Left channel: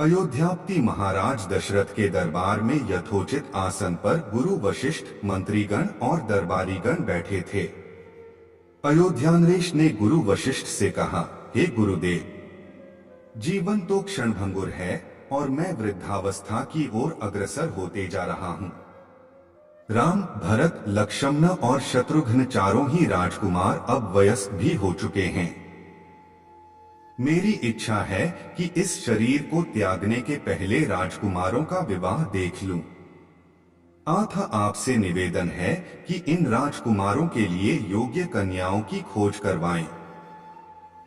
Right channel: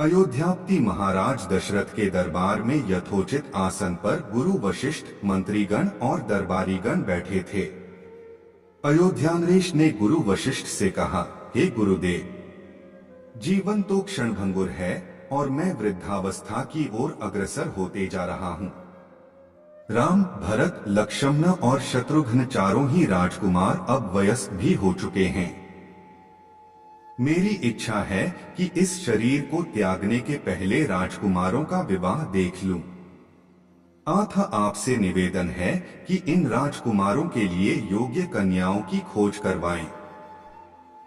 अयोध्यापति महाराज दशरथ के दरबार में यथोचित आसन पर गुरु वशिष्ठ, मंत्रीगण और दरबारीगण बैठे थे। अयोध्यानरेश ने गुरु वशिष्ठ से कहा, हे गुरुदेव, जीवन तो क्षणभंगुर है और मैं वृद्धावस्था की ओर अग्रसर होते जा रहा हूँ। राम, भरत, लक्ष्मण और शत्रुघ्न चारों ही राजकुमार अब वयस्क भी हो चुके हैं। मेरी इच्छा है कि इस शरीर को त्यागने के पहले राजकुमारों का विवाह देख लूं। अतः आपसे निवेदन है कि इन राजकुमारों के लिए योग्य कन्याओं की खोज करवाएं।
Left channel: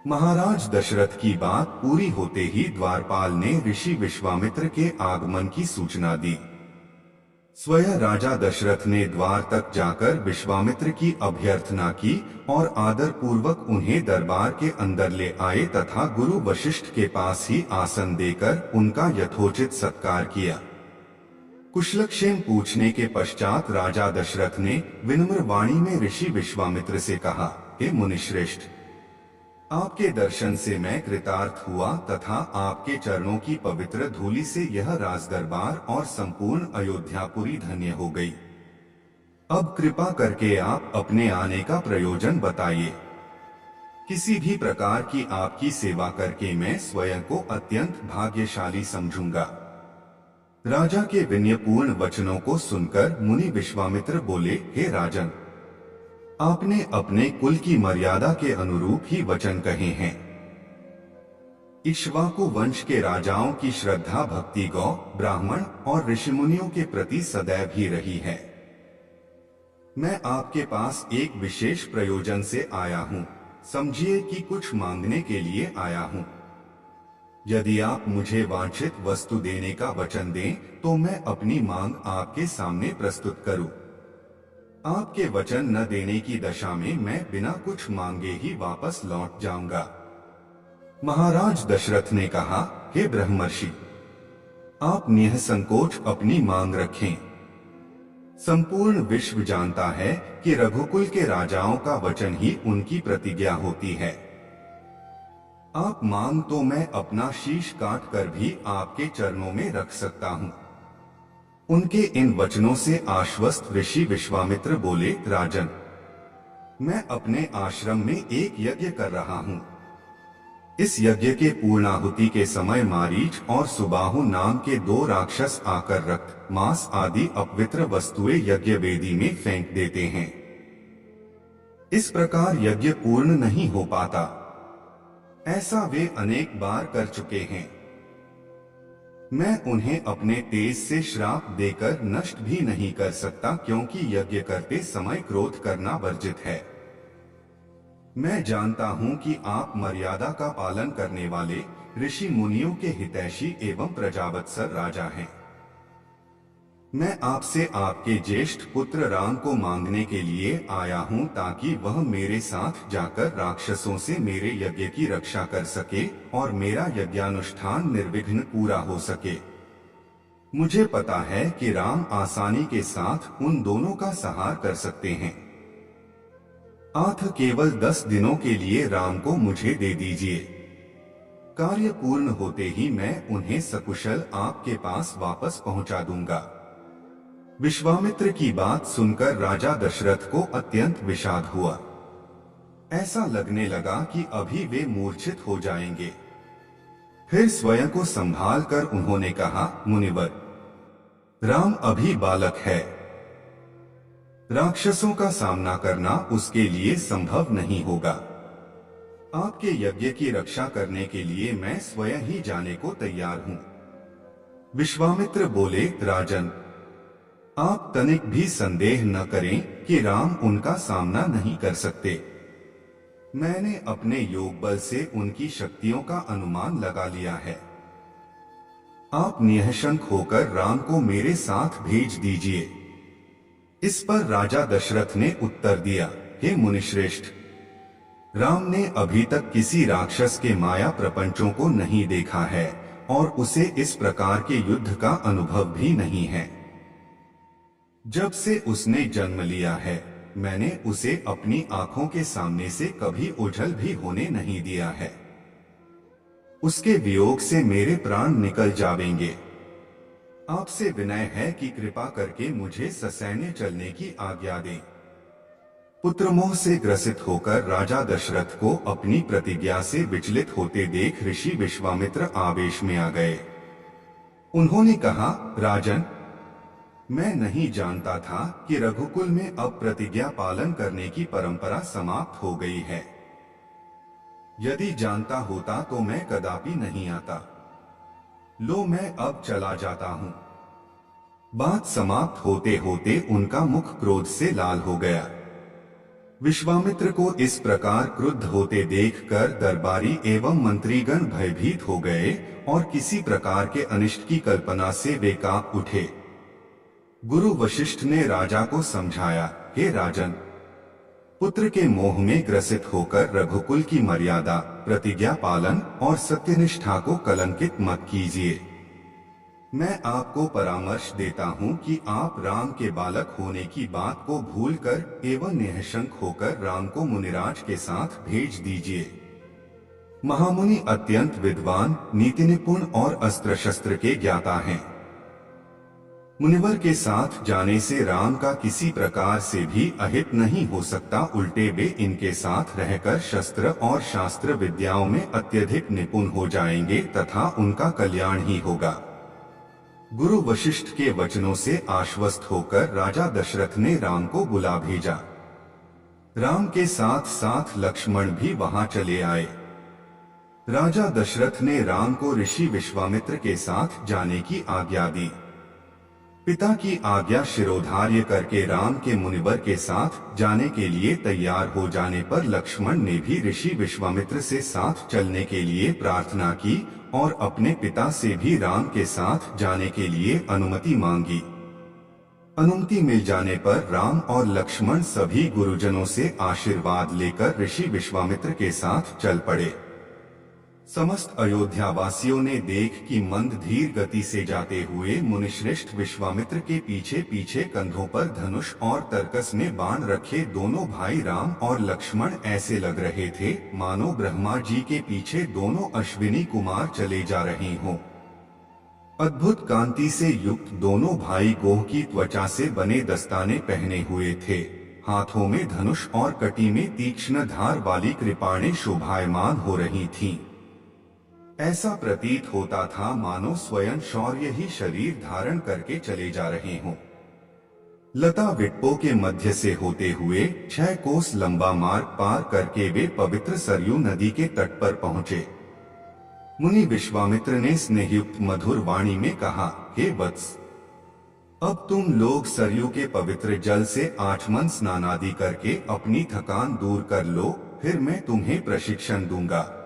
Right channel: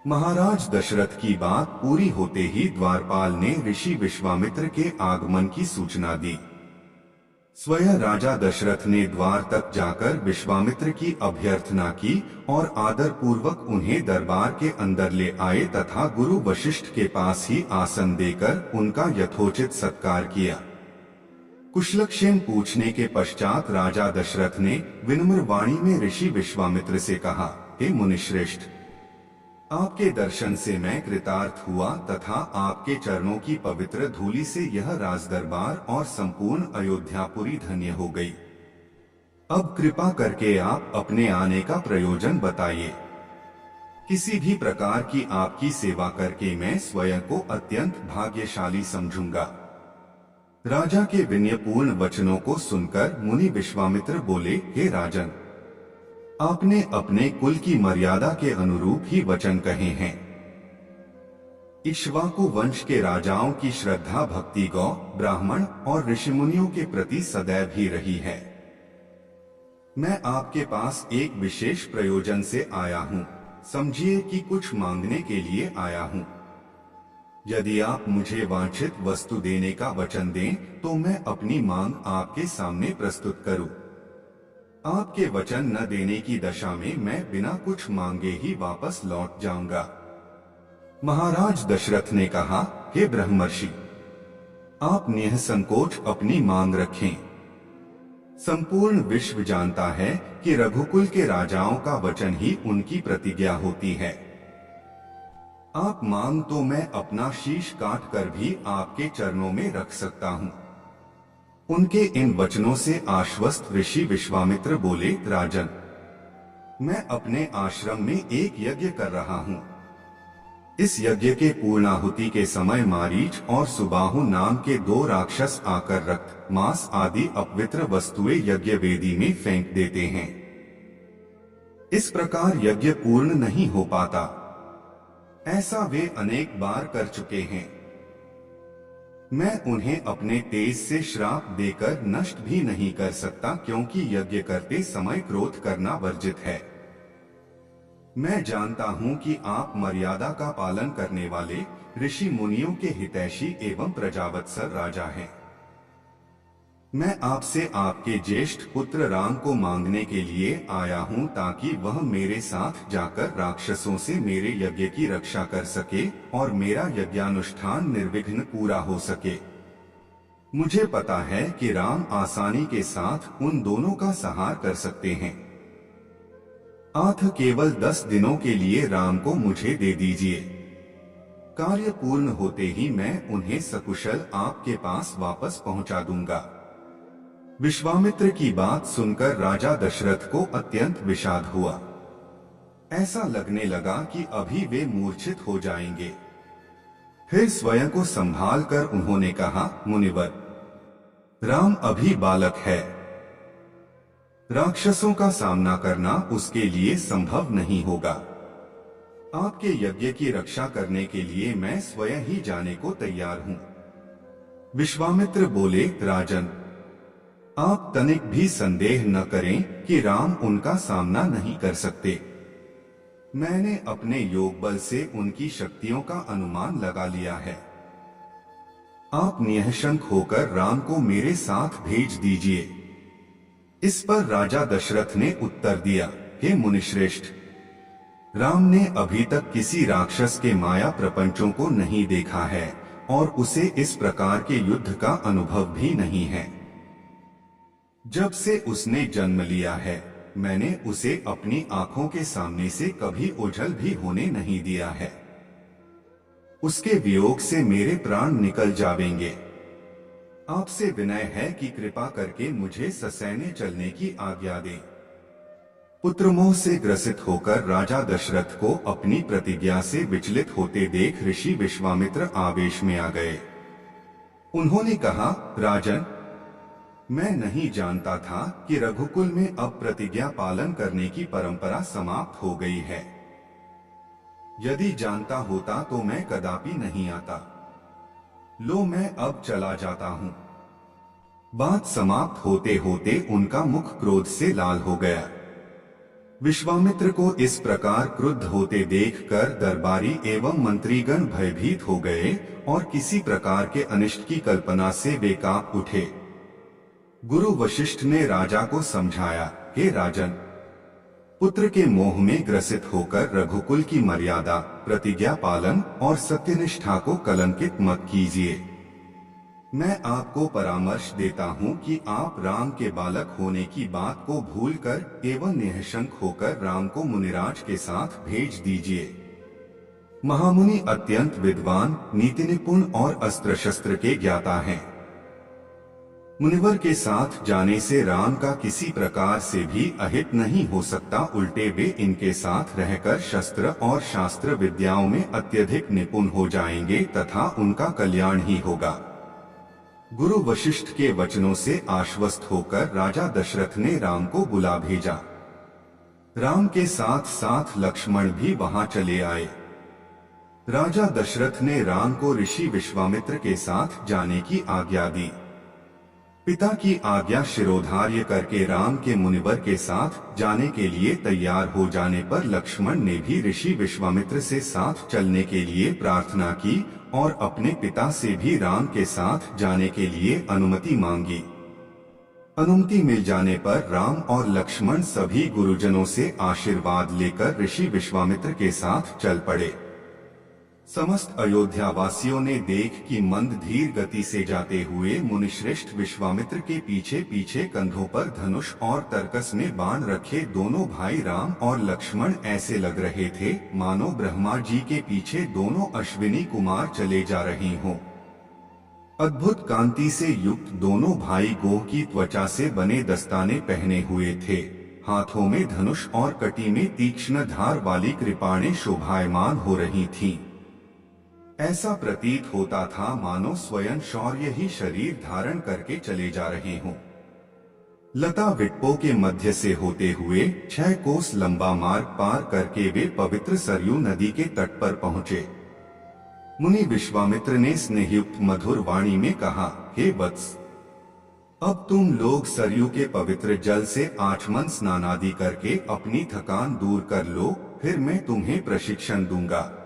महाराज दशरथ की बात पूरी होते ही द्वारपाल ने ऋषि विश्वामित्र के आगमन की सूचना दी। स्वयं राजा दशरथ ने द्वार तक जाकर विश्वामित्र की अभ्यर्थना की और आदर पूर्वक उन्हें दरबार के अंदर ले आए तथा गुरु वशिष्ठ के पास ही आसन देकर उनका यथोचित सत्कार किया। कुशलक्षेम पूछने के पश्चात राजा दशरथ ने विनम्र वाणी में ऋषि विश्वामित्र से कहा, हे मुनिश्रेष्ठ, आपके दर्शन से मैं कृतार्थ हुआ तथा आपके चरणों की पवित्र धूलि से यह राजदरबार और संपूर्ण अयोध्यापुरी धन्य हो गई। अब कृपा करके आप अपने आने का प्रयोजन बताइए। किसी भी प्रकार की आपकी सेवा करके मैं स्वयं को अत्यंत भाग्यशाली समझूंगा। राजा के विनयपूर्ण वचनों को सुनकर मुनि विश्वामित्र बोले, हे राजन, आपने अपने कुल की मर्यादा के अनुरूप ही वचन कहे हैं। इक्ष्वाकु वंश के राजाओं की श्रद्धा भक्ति गौ, ब्राह्मण और ऋषिमुनियों के प्रति सदैव ही रही है। मैं आपके पास एक विशेष प्रयोजन से आया हूँ। समझिए कि कुछ मांगने के लिए आया हूँ। यदि आप मुझे वांछित वस्तु देने का वचन दें तो मैं अपनी मांग आपके सामने प्रस्तुत करूं। आपके वचन न देने की दशा में मैं बिना कुछ मांगे ही वापस लौट जाऊंगा। महाराज दशरथ ने कहा, हे ब्रह्मर्षि, आप निःसंकोच अपनी मांग रखें। संपूर्ण विश्व जानता है कि रघुकुल के राजाओं का वचन ही उनकी प्रतिज्ञा होती है। आप मांग तो मैं अपना शीश काट कर भी आपके चरणों में रख सकता हूँ। उनके इन वचनों से आश्वस्त ऋषि विश्वामित्र बोले, राजन, मैं अपने आश्रम में एक यज्ञ कर रहा हूँ। इस यज्ञ के पूर्णाहुति के समय मारीच और सुबाहु नाम के 2 राक्षस आकर रक्त, मांस आदि अपवित्र वस्तुएं यज्ञ वेदी में फेंक देते हैं। इस प्रकार यज्ञ पूर्ण नहीं हो पाता। ऐसा वे अनेक बार कर चुके हैं। मैं उन्हें अपने तेज से श्राप देकर नष्ट भी नहीं कर सकता, क्योंकि यज्ञ करते समय क्रोध करना वर्जित है। मैं जानता हूं कि आप मर्यादा का पालन करने वाले ऋषि मुनियों के हितैषी एवं प्रजावत्सल राजा हैं। मैं आपसे आपके ज्येष्ठ पुत्र राम को मांगने के लिए आया हूं ताकि वह मेरे साथ जाकर राक्षसों से मेरे यज्ञ की रक्षा कर सके और मेरा यज्ञानुष्ठान निर्विघ्न पूरा हो सके। मुझे पता है कि राम आसानी के साथ उन दोनों का संहार कर सकते हैं। अतः केवल 10 दिनों के लिए राम को मुझे दे दीजिए। कार्य पूर्ण होते ही मैं उन्हें सकुशल आपके पास वापस पहुंचा दूंगा। विश्वामित्र की बात सुनकर राजा दशरथ को अत्यंत विषाद हुआ। ऐसा लगने लगा कि अभी वे मूर्छित हो जाएंगे। फिर स्वयं को संभाल कर उन्होंने कहा, मुनिवर, राम अभी बालक है। राक्षसों का सामना करना उसके लिए संभव नहीं होगा। आपके यज्ञ की रक्षा करने के लिए मैं स्वयं ही जाने को तैयार हूं। विश्वामित्र बोले, राजन, आप तनिक भी संदेह न करें कि राम उनका सामना नहीं कर सकते। मैंने अपने योग बल से उनकी शक्तियों का अनुमान लगा लिया है। आप निःशंक होकर राम को मेरे साथ भेज दीजिए। इस पर राजा दशरथ ने उत्तर दिया, हे मुनिश्रेष्ठ, राम ने अभी तक किसी राक्षस के माया प्रपंचों को नहीं देखा है और उसे इस प्रकार के युद्ध का अनुभव भी नहीं है। जब से उसने जन्म लिया है मैंने उसे अपनी आंखों के सामने से कभी ओझल भी होने नहीं दिया है। उसके वियोग से मेरे प्राण निकल जावेंगे। आपसे विनय है कि कृपा करके मुझे ससैन्य चलने की आज्ञा दें। पुत्रमोह से ग्रसित होकर राजा दशरथ को अपनी प्रतिज्ञा से विचलित होते देख ऋषि विश्वामित्र आवेश में आ गए। उन्होंने कहा, राजन, मैं नहीं जानता था कि रघुकुल में अब प्रतिज्ञा पालन करने की परंपरा समाप्त हो गई है। यदि जानता होता तो मैं कदापि नहीं आता। लो, मैं अब चला जाता हूं। बात समाप्त होते होते उनका मुख क्रोध से लाल हो गया। विश्वामित्र को इस प्रकार क्रुद्ध होते देखकर दरबारी एवं मंत्रीगण भयभीत हो गए और किसी प्रकार के अनिष्ट की कल्पना से वे कांप उठे। गुरु वशिष्ठ ने राजा को समझाया, हे राजन, पुत्र के मोह में ग्रसित होकर रघुकुल की मर्यादा, प्रतिज्ञा पालन और सत्यनिष्ठा को कलंकित मत कीजिए। मैं आपको परामर्श देता हूं कि आप राम के बालक होने की बात को भूलकर एवं निःशंक होकर राम को मुनिराज के साथ भेज दीजिए। महामुनि अत्यंत विद्वान, नीति निपुण और अस्त्र शस्त्र के ज्ञाता हैं। मुनिवर के साथ जाने से राम का किसी प्रकार से भी अहित नहीं हो सकता, उल्टे वे इनके साथ रहकर शस्त्र और शास्त्र विद्याओं में अत्यधिक निपुण हो जाएंगे तथा उनका कल्याण ही होगा। गुरु वशिष्ठ के वचनों से आश्वस्त होकर राजा दशरथ ने राम को बुला भेजा। राम के साथ साथ लक्ष्मण भी वहां चले आए। राजा दशरथ ने राम को ऋषि विश्वामित्र के साथ जाने की आज्ञा दी। पिता की आज्ञा शिरोधार्य करके राम के मुनिवर के साथ जाने के लिए तैयार हो जाने पर लक्ष्मण ने भी ऋषि विश्वामित्र से साथ चलने के लिए प्रार्थना की और अपने पिता से भी राम के साथ जाने के लिए अनुमति मांगी। अनुमति मिल जाने पर राम और लक्ष्मण सभी गुरुजनों से आशीर्वाद लेकर ऋषि विश्वामित्र के साथ चल पड़े। समस्त अयोध्या वासियों ने देख कि मंद धीर गति से जाते हुए मुनिश्रेष्ठ विश्वामित्र के पीछे पीछे कंधों पर धनुष और तरकस में बाण रखे दोनों भाई राम और लक्ष्मण ऐसे लग रहे थे मानो ब्रह्मा जी के पीछे दोनों अश्विनी कुमार चले जा रहे हों। अद्भुत कांति से युक्त दोनों भाई गोह की त्वचा से बने दस्ताने पहने हुए थे। हाथों में धनुष और कटी में तीक्ष्ण धार वाली कृपाणें शोभायमान हो रही थीं। ऐसा प्रतीत होता था मानो स्वयं शौर्य ही शरीर धारण करके चले जा रहे हों। लता विटपो के मध्य से होते हुए 6 कोस लंबा मार्ग पार करके वे पवित्र सरयू नदी के तट पर पहुंचे। मुनि विश्वामित्र ने स्नेहयुक्त मधुर वाणी में कहा, हे वत्स, अब तुम लोग सरयू के पवित्र जल से आचमन स्नानादि करके अपनी थकान दूर कर लो, फिर मैं तुम्हें प्रशिक्षण दूंगा।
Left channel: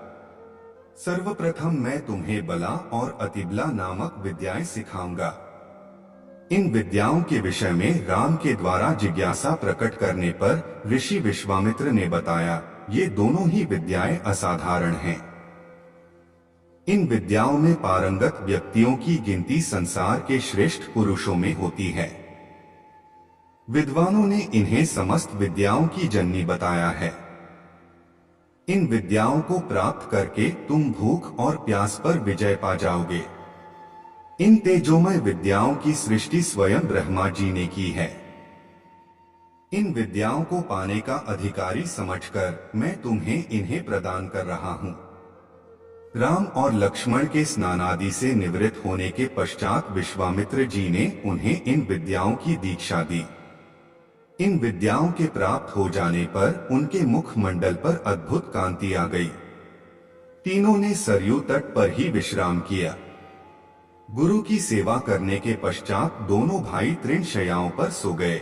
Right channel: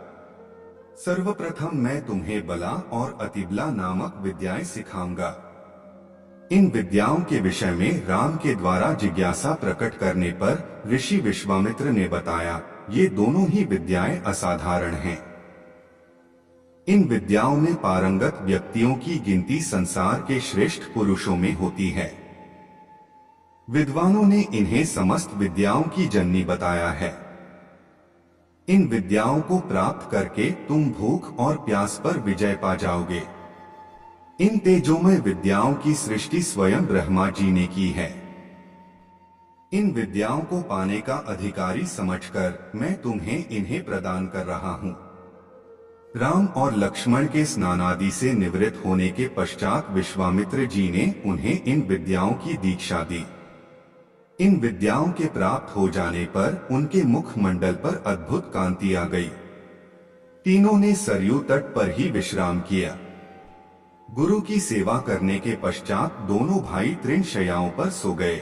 सर्वप्रथम मैं तुम्हें बला और अतिबला नामक विद्याएं सिखाऊंगा। इन विद्याओं के विषय में राम के द्वारा जिज्ञासा प्रकट करने पर ऋषि विश्वामित्र ने बताया, ये दोनों ही विद्याएं असाधारण हैं। इन विद्याओं में पारंगत व्यक्तियों की गिनती संसार के श्रेष्ठ पुरुषों में होती है। विद्वानों ने इन्हें समस्त विद्याओं की जननी बताया है। इन विद्याओं को प्राप्त करके तुम भूख और प्यास पर विजय पा जाओगे। इन तेजोमय विद्याओं की सृष्टि स्वयं ब्रह्मा जी ने की है। इन विद्याओं को पाने का अधिकारी समझकर मैं तुम्हें इन्हें प्रदान कर रहा हूं। राम और लक्ष्मण के स्नानादि से निवृत्त होने के पश्चात विश्वामित्र जी ने उन्हें इन विद्याओं की दीक्षा दी। इन विद्याओं के प्राप्त हो जाने पर उनके मुख मंडल पर अद्भुत कांति आ गई। तीनों ने सरयू तट पर ही विश्राम किया। गुरु की सेवा करने के पश्चात दोनों भाई तृण शय्याओं पर सो गए।